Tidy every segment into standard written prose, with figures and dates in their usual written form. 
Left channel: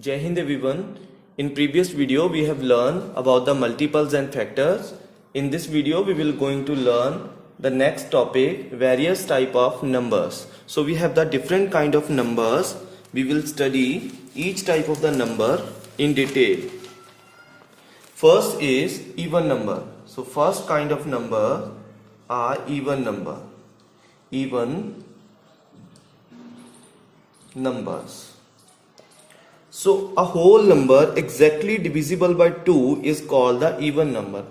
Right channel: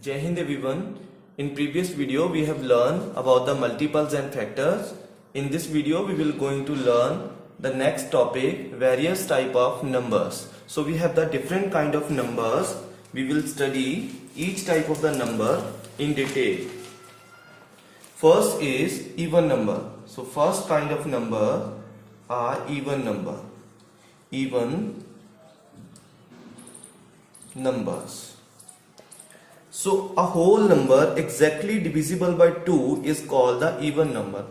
Jai Hind everyone. In previous video we have learned about the multiples and factors. In this video we will going to learn the next topic, various type of numbers. So we have the different kind of numbers. We will study each type of the number in detail. First is even number. So first kind of number are even number. Even numbers. So a whole number exactly divisible by 2 is called the even number.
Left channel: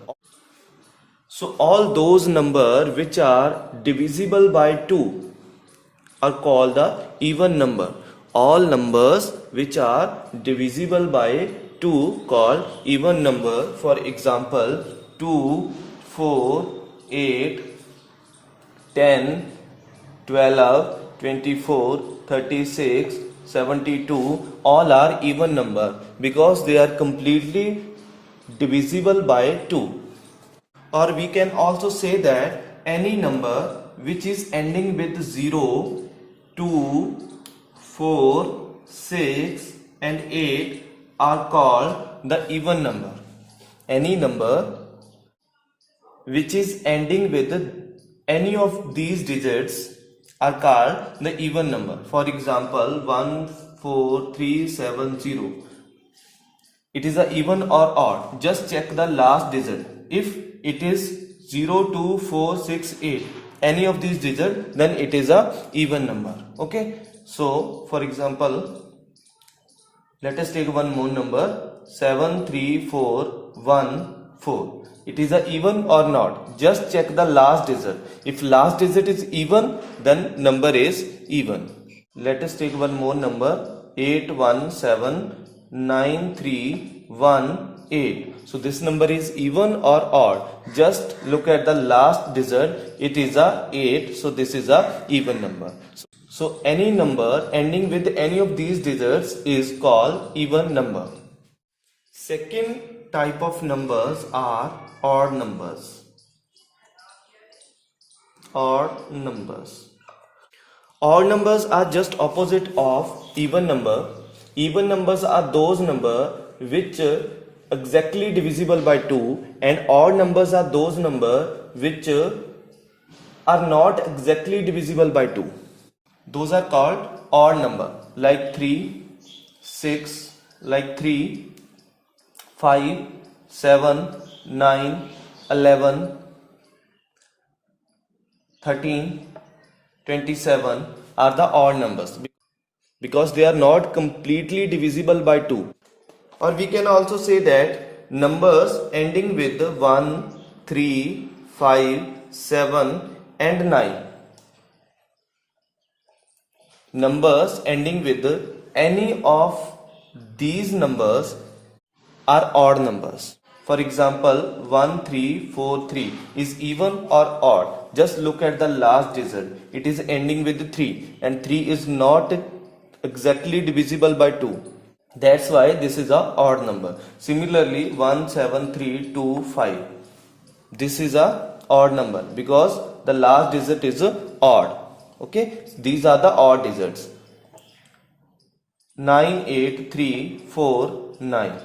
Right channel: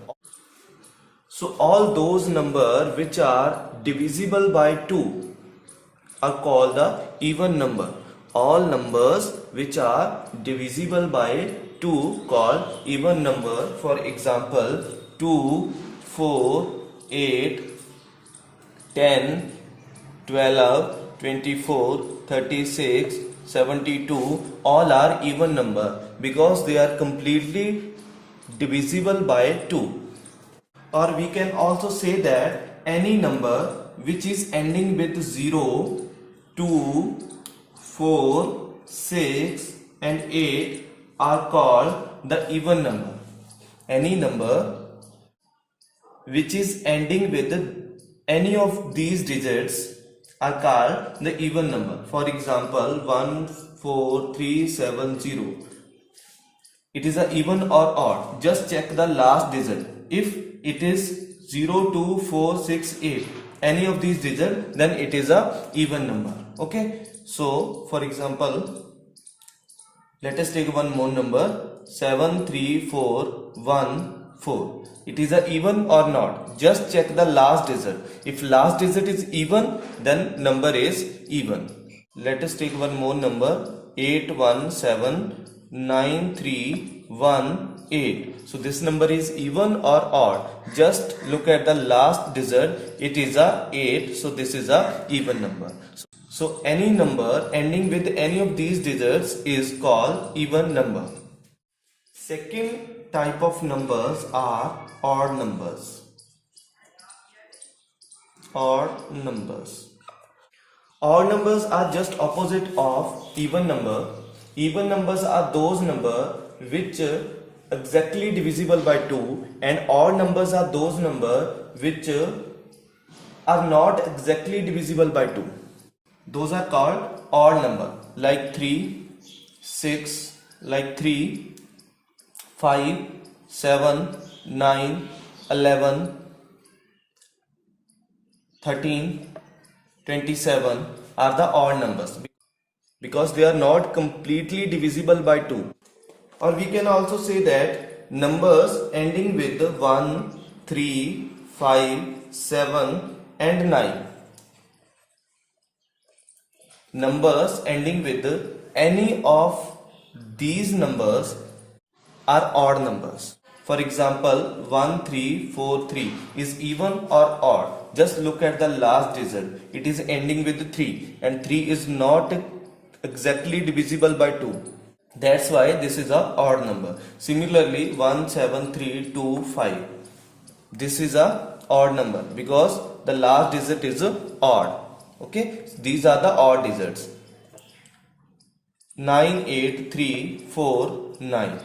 So all those numbers which are divisible by 2 are called the even number. All numbers which are divisible by 2 called even number. For example, 2, 4, 8, 10, 12, 24, 36, 72, all are even number because they are completely divisible by 2. Or we can also say that any number which is ending with 0, 2, 4, 6 and 8 are called the even number. Any number which is ending with any of these digits are called the even number. For example, 14370. It is a even or odd. Just check the last digit. If it is 02468, any of these digits, then it is a even number. Okay. So for example, let us take one more number, 73414. It is a even or not. Just check the last digit. If last digit is even, then number is even. Let us take one more number, 8179318. So this number is even or odd. Just look at the last digit. It is a 8. So this is a even number. So any number ending with any of these digits is called even number. Second type of numbers are odd numbers. Odd numbers. Odd numbers are just opposite of even number. Even numbers are those numbers which exactly divisible by 2, and odd numbers are those numbers which are not exactly divisible by 2. Those are called odd number, like 3, 6, like 3, 5, 7, 9, 11, 13, 27 are the odd numbers because they are not completely divisible by 2. Or we can also say that numbers ending with 1, 3, 5, 7 and 9. Numbers ending with any of these numbers are odd numbers. For example, 1343 is even or odd. Just look at the last digit. It is ending with 3 and 3 is not exactly divisible by 2. That's why this is a odd number. Similarly, 17325. This is a odd number because the last digit is odd. Okay, these are the odd digits. 98349.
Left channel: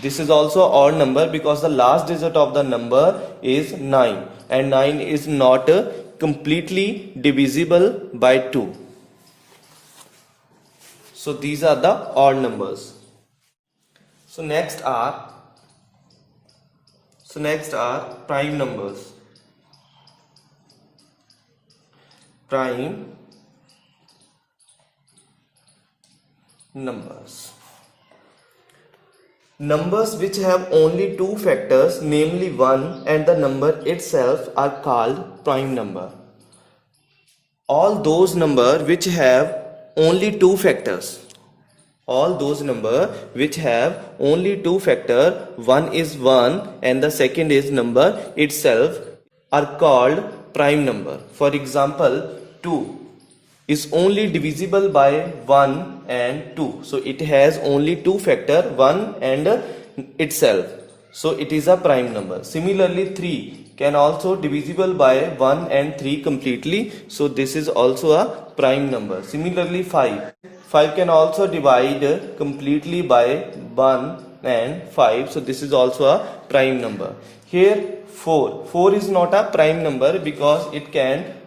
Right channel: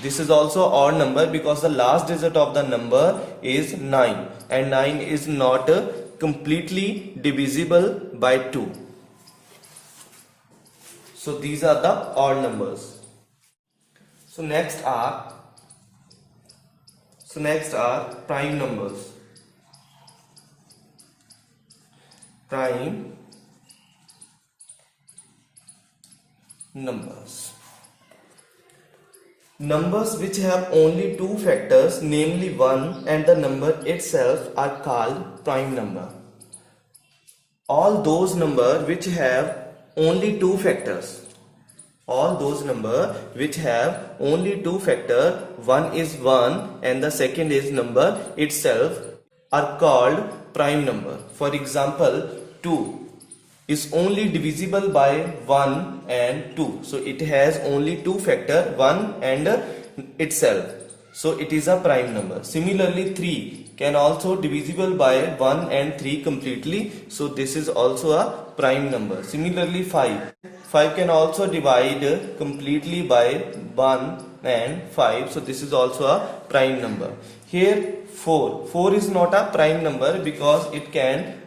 This is also odd number because the last digit of the number is 9 and 9 is not completely divisible by 2. So these are the odd numbers. So next are prime numbers. Prime numbers. Numbers which have only two factors, namely 1 and the number itself, are called prime number. All those numbers which have only two factors, one is 1 and the second is number itself, are called prime number. For example, 2 is only divisible by 1 and 2. So it has only two factor, 1 and itself. So it is a prime number. Similarly, 3 can also divisible by 1 and 3 completely. So this is also a prime number. Similarly, 5 5 can also divide completely by 1 and 5. So this is also a prime number. Here 4. 4 is not a prime number because it can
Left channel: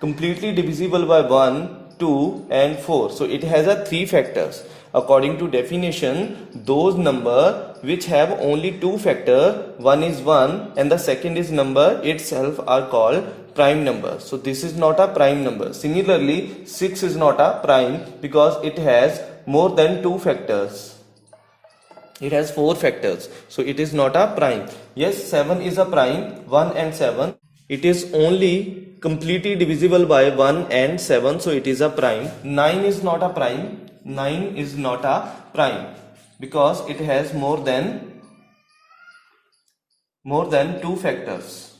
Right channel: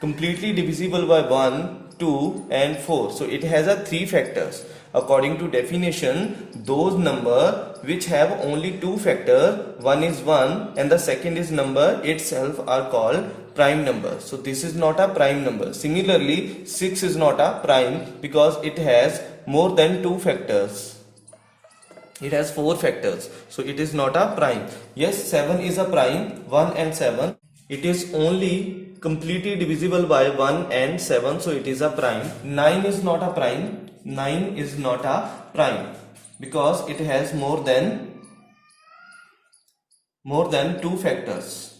completely divisible by 1, 2 and 4. So it has a 3 factors. According to definition, those number which have only 2 factor, one is 1 and the second is number itself, are called prime numbers. So this is not a prime number. Similarly, 6 is not a prime because it has more than 2 factors. It has 4 factors. So it is not a prime. Yes, 7 is a prime, 1 and 7. It is only completely divisible by 1 and 7. So it is a prime. 9 is not a prime. 9 is not a prime because it has more than 2 factors.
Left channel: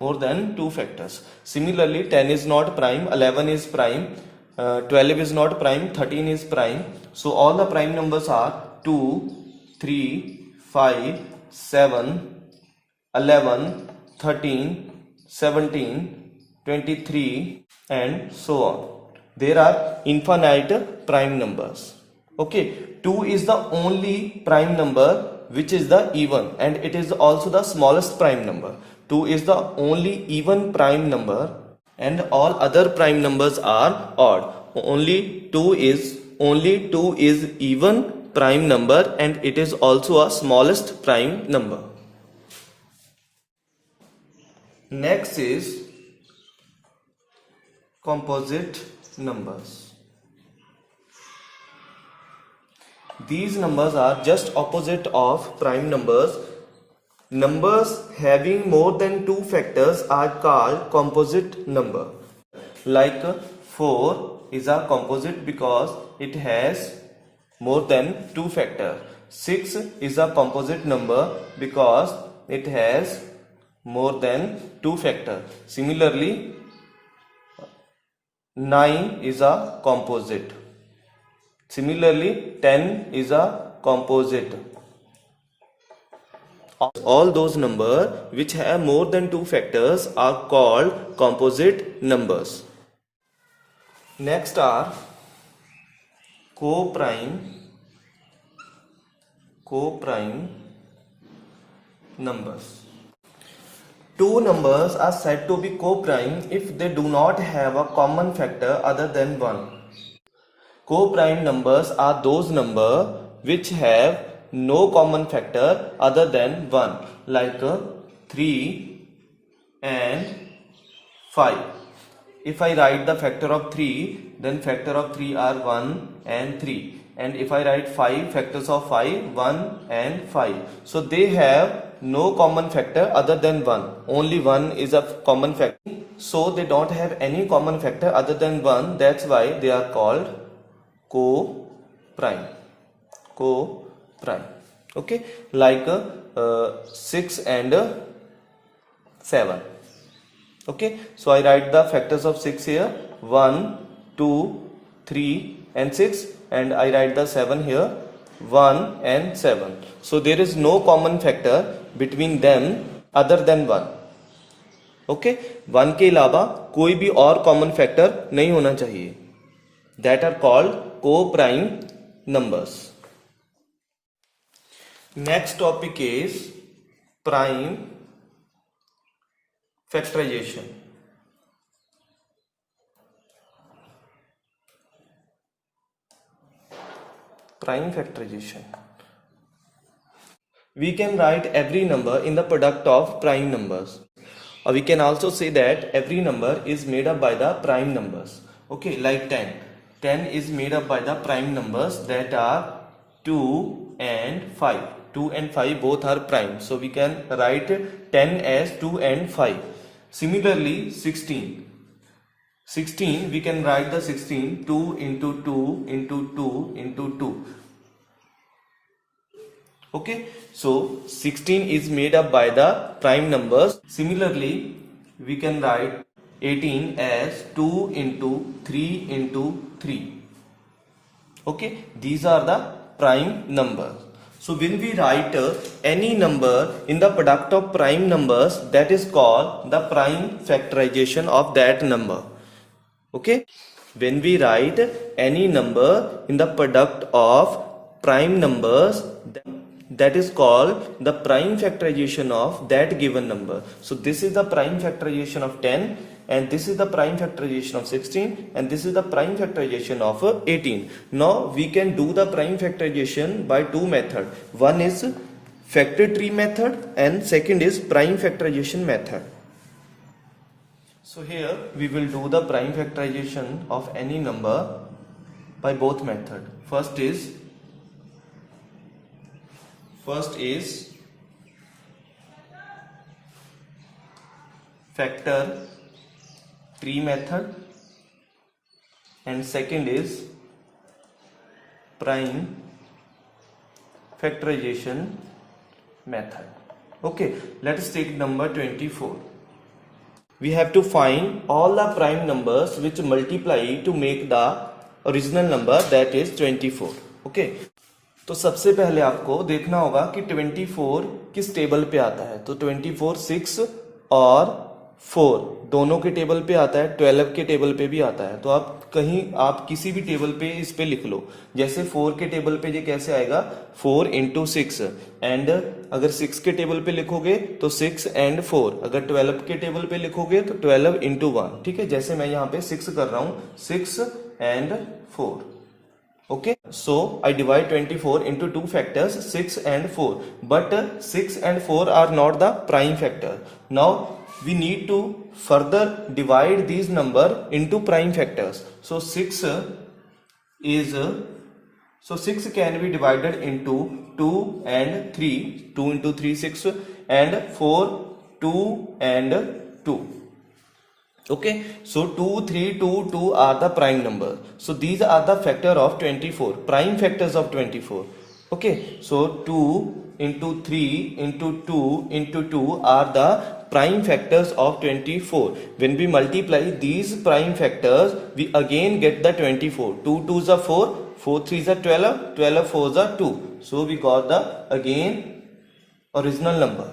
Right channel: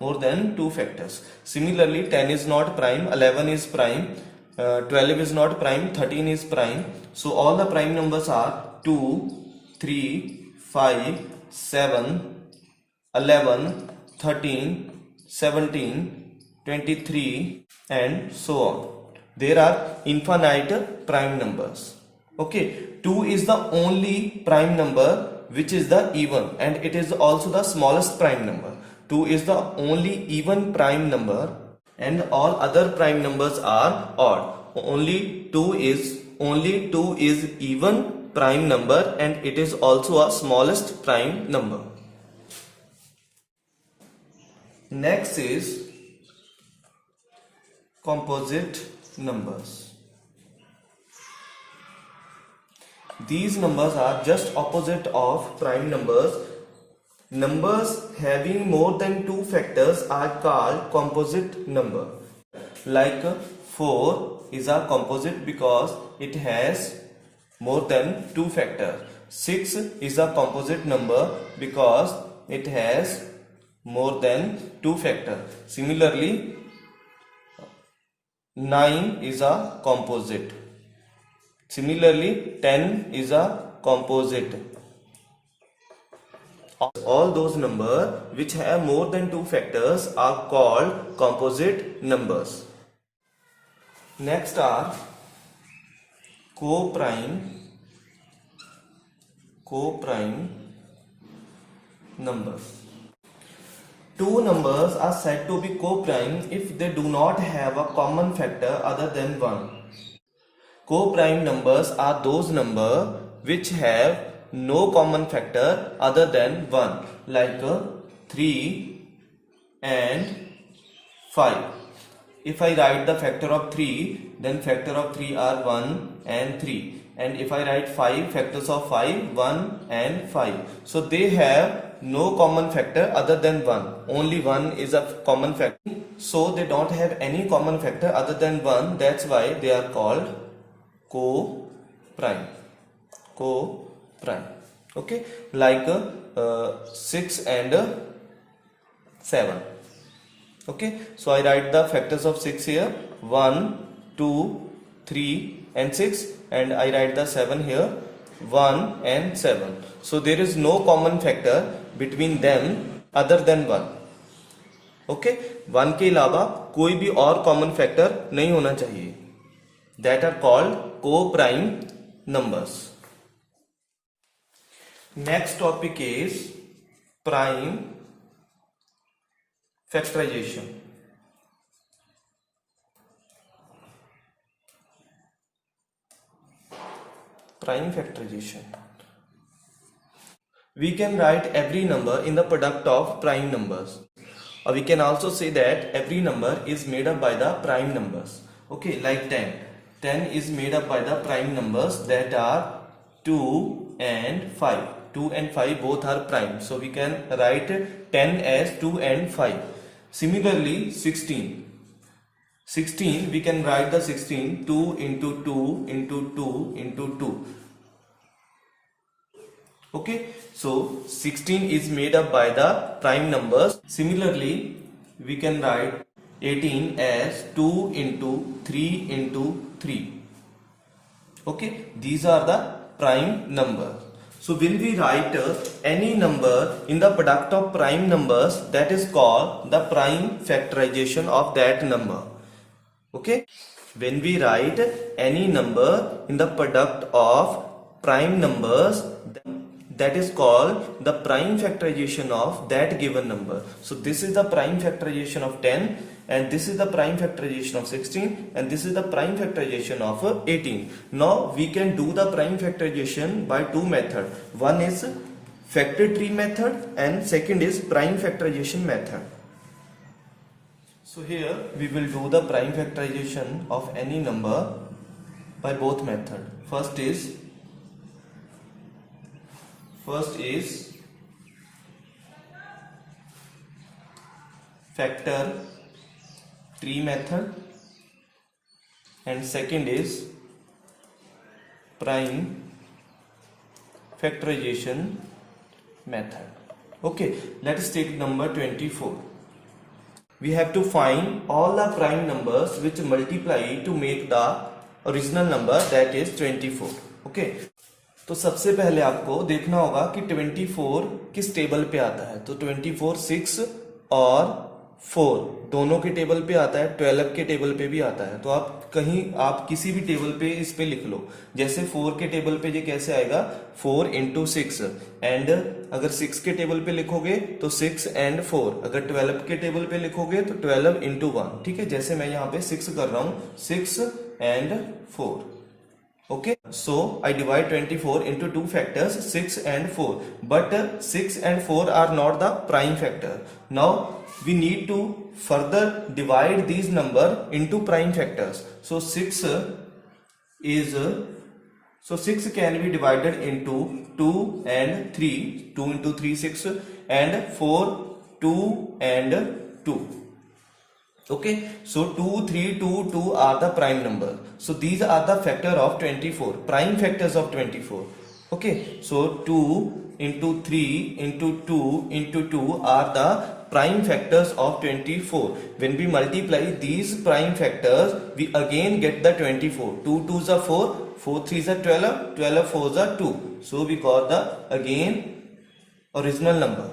More than 2 factors. Similarly, 10 is not prime, 11 is prime, 12 is not prime, 13 is prime. So all the prime numbers are 2, 3, 5, 7, 11, 13, 17, 23 and so on. There are infinite prime numbers. Okay, 2 is the only prime number which is the even, and it is also the smallest prime number. 2 is the only even prime number and all other prime numbers are odd. Only 2 is even prime number and it is also a smallest prime number. Next is composite numbers. These numbers are just opposite of prime numbers. Numbers having more than 2 factors are called composite number. Like 4 is a composite because it has more than 2 factors. 6 is a composite number because it has more than 2 factors. Similarly, 9 is a composite. Similarly, 10 is a composite. All those numbers which have more than 2 factors are called composite numbers. Next are co-prime numbers. Two numbers are said to be co-prime if they do not have a common factor other than 1. Co-prime numbers are those numbers which have no common factor other than 1, like 3 and 5. If I write the factor of 3, then factor of 3 are 1 and 3. And if I write 5, factors of 5, 1 and 5. So they have no common factor other than 1. Only 1 is a common factor. So they don't have any common factor other than 1. That's why they are called co-prime. Okay, like 6 and 7. Okay, so I write the factors of 6 here, 1, 2, 3 and 6, and I write the 7 here, 1 and 7. So there is no common factor between them other than 1. Okay, 1 के अलावा कोई भी और common factor नहीं होना चाहिए. That are called co-prime numbers. Next topic is prime factorization. Prime factorization. We can write every number in the product of prime numbers. Or we can also say that every number is made up by the prime numbers. Okay, like 10. 10 is made up by the prime numbers that are 2 and 5. 2 and 5 both are prime. So we can write 10 as 2 and 5. Similarly, 16. 16, we can write the 16 2 into 2 into 2 into 2. Okay, so 16 is made up by the prime numbers. Similarly, we can write 18 as 2 into 3 into 3. Okay, these are the prime numbers. So when we write any number in the product of prime numbers, that is called the prime factorization of that number. Okay. When we write any number in the product of prime numbers, that is called the prime factorization of that given number. So this is the prime factorization of 10, and this is the prime factorization of 16, and this is the prime factorization of 18. Now we can do the prime factorization by two methods. One is factor tree method and second is prime factorization method. So here we will do the prime factorization of any number by both methods. First is factor tree method and second is prime factorization method. Okay, let us take number 24. We have to find all the prime numbers which multiply to make the original number, that is 24. Okay, तो सबसे पहले आपको देखना होगा कि 24 किस table पे आता है. तो 24 6 और 4 दोनों के टेबल पे आता है, 12 के टेबल पे भी आता है. तो आप किसी भी टेबल पे इस पे लिख लो. जैसे 4 के टेबल पे ये कैसे आएगा, 4 into 6, एंड अगर 6 के टेबल पे लिखोगे तो 6 and 4, अगर 12 के टेबल पे लिखोगे तो 12 into 1. ठीक है, जैसे मैं यहाँ पे 6 कर रहा हूं, 6 and 4. Okay, so I divide 24 into two factors, 6 and 4, but 6 and 4 are not the prime factor. Now we need to further divide these number into prime factors. So 6 can be divided into 2 and 3, 2 into 3 6, and 4 2 and 2. Okay, so 2 3 2 2 are the prime number. So these are the factor of 24, prime factors of 24. Okay, so 2 into 3 into 2 into 2 are the prime factors of 24. When we multiply these prime factors, we again get the 24. 2 2s are 4, 4 3s are 12, 12 4s are 2. So we got the again original number.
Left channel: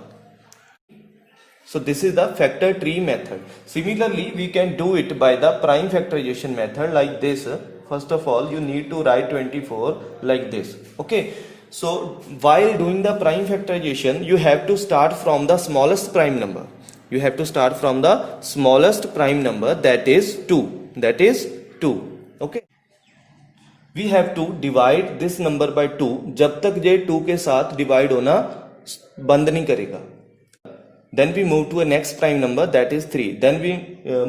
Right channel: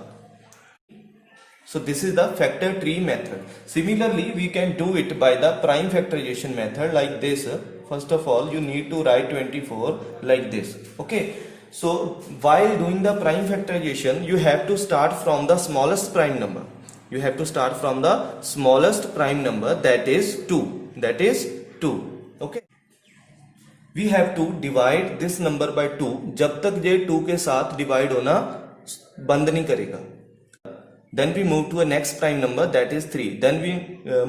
So this is the factor tree method. Similarly, we can do it by the prime factorization method like this. First of all, you need to write 24 like this. Okay. So while doing the prime factorization, you have to start from the smallest prime number. You have to start from the smallest prime number, that is 2. That is 2. Okay. We have to divide this number by 2 जब तक ये 2 के साथ divide होना बंद नहीं करेगा. Then we move to a next prime number, that is 3. Then we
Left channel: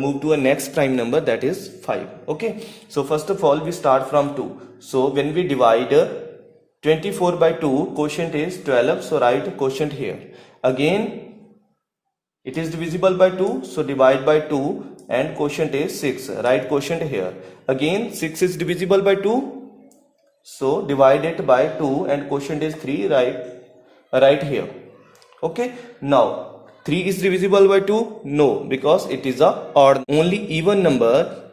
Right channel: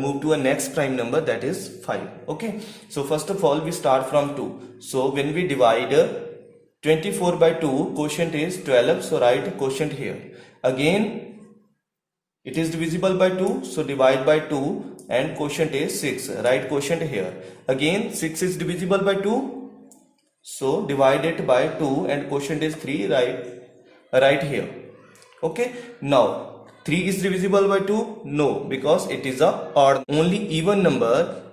move to a next prime number, that is 5. Okay. So first of all, we start from 2. So when we divide 24 by 2, quotient is 12. So write quotient here. Again, it is divisible by 2. So divide by 2 and quotient is 6. Write quotient here. Again, 6 is divisible by 2. So divide it by 2 and quotient is 3. Write here. Okay. Now, 3 is divisible by 2? No, because it is a odd. Only even number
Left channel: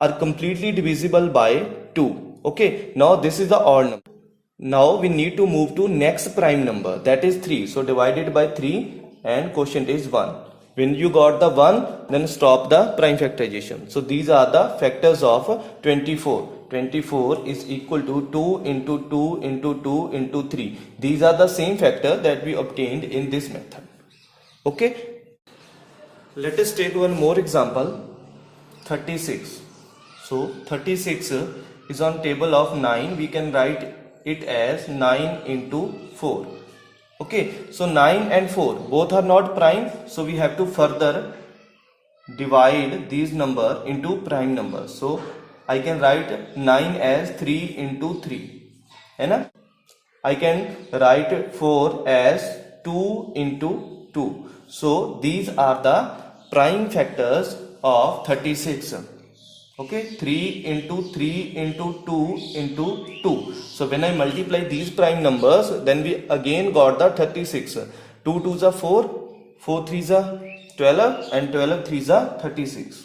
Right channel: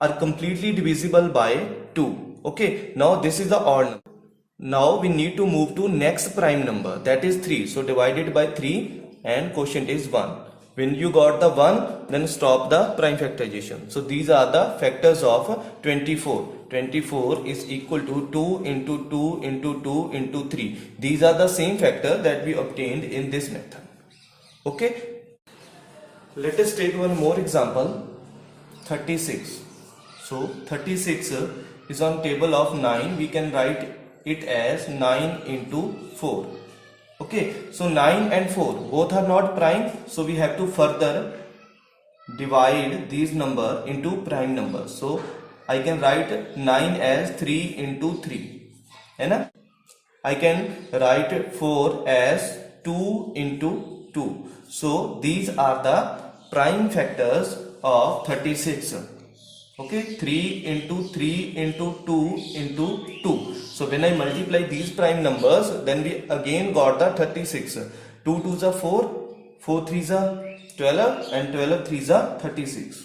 are completely divisible by 2. Okay, now this is the odd number. Now we need to move to next prime number, that is 3. So divide it by 3 and quotient is 1. When you got the 1, then stop the prime factorization. So these are the factors of 24. 24 is equal to 2 into 2 into 2 into 3. These are the same factor that we obtained in this method. Okay, let us take one more example, 36. So 36 is on table of 9. We can write it as 9 into 4. Okay, so 9 and 4 both are not prime, so we have to further divide these number into prime numbers. So I can write 9 as 3 into 3, and I can write 4 as 2 into 2. So these are the prime factors of 36. Okay, 3 into 3 into 2 into 2. So when I multiply these prime numbers, then we again got the 36. 2 2s are 4, 4 3s are 12, and 12 3s are 36.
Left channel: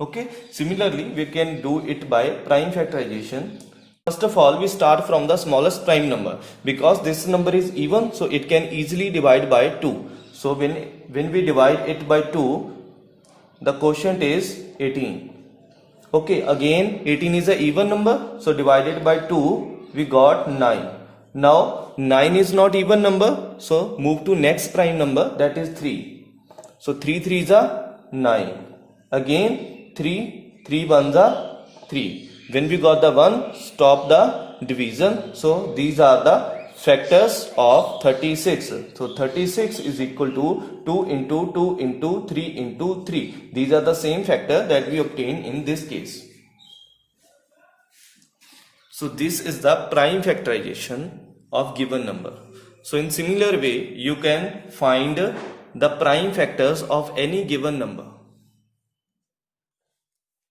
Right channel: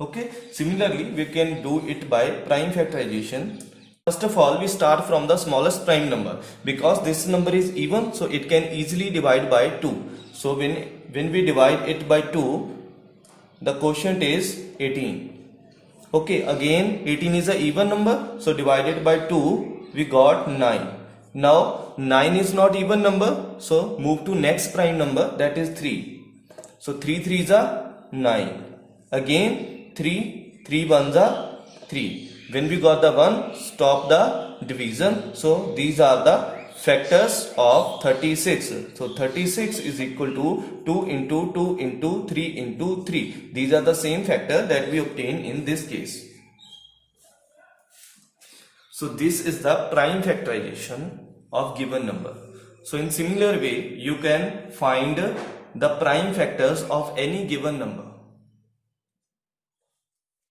Okay, similarly we can do it by prime factorization. First of all, we start from the smallest prime number. Because this number is even, so it can easily divide by 2. So when we divide it by 2, the quotient is 18. Okay, again 18 is a even number, so divided by 2 we got 9. Now 9 is not even number, so move to next prime number, that is 3. So 3 3s are 9. Again 3 1s are 3. When we got the 1, stop the division. So these are the factors of 36. So 36 is equal to 2 into 2 into 3 into 3. These are the same factor that we obtain in this case. So this is the prime factorization of given number. So in similar way, you can find the prime factors of any given number.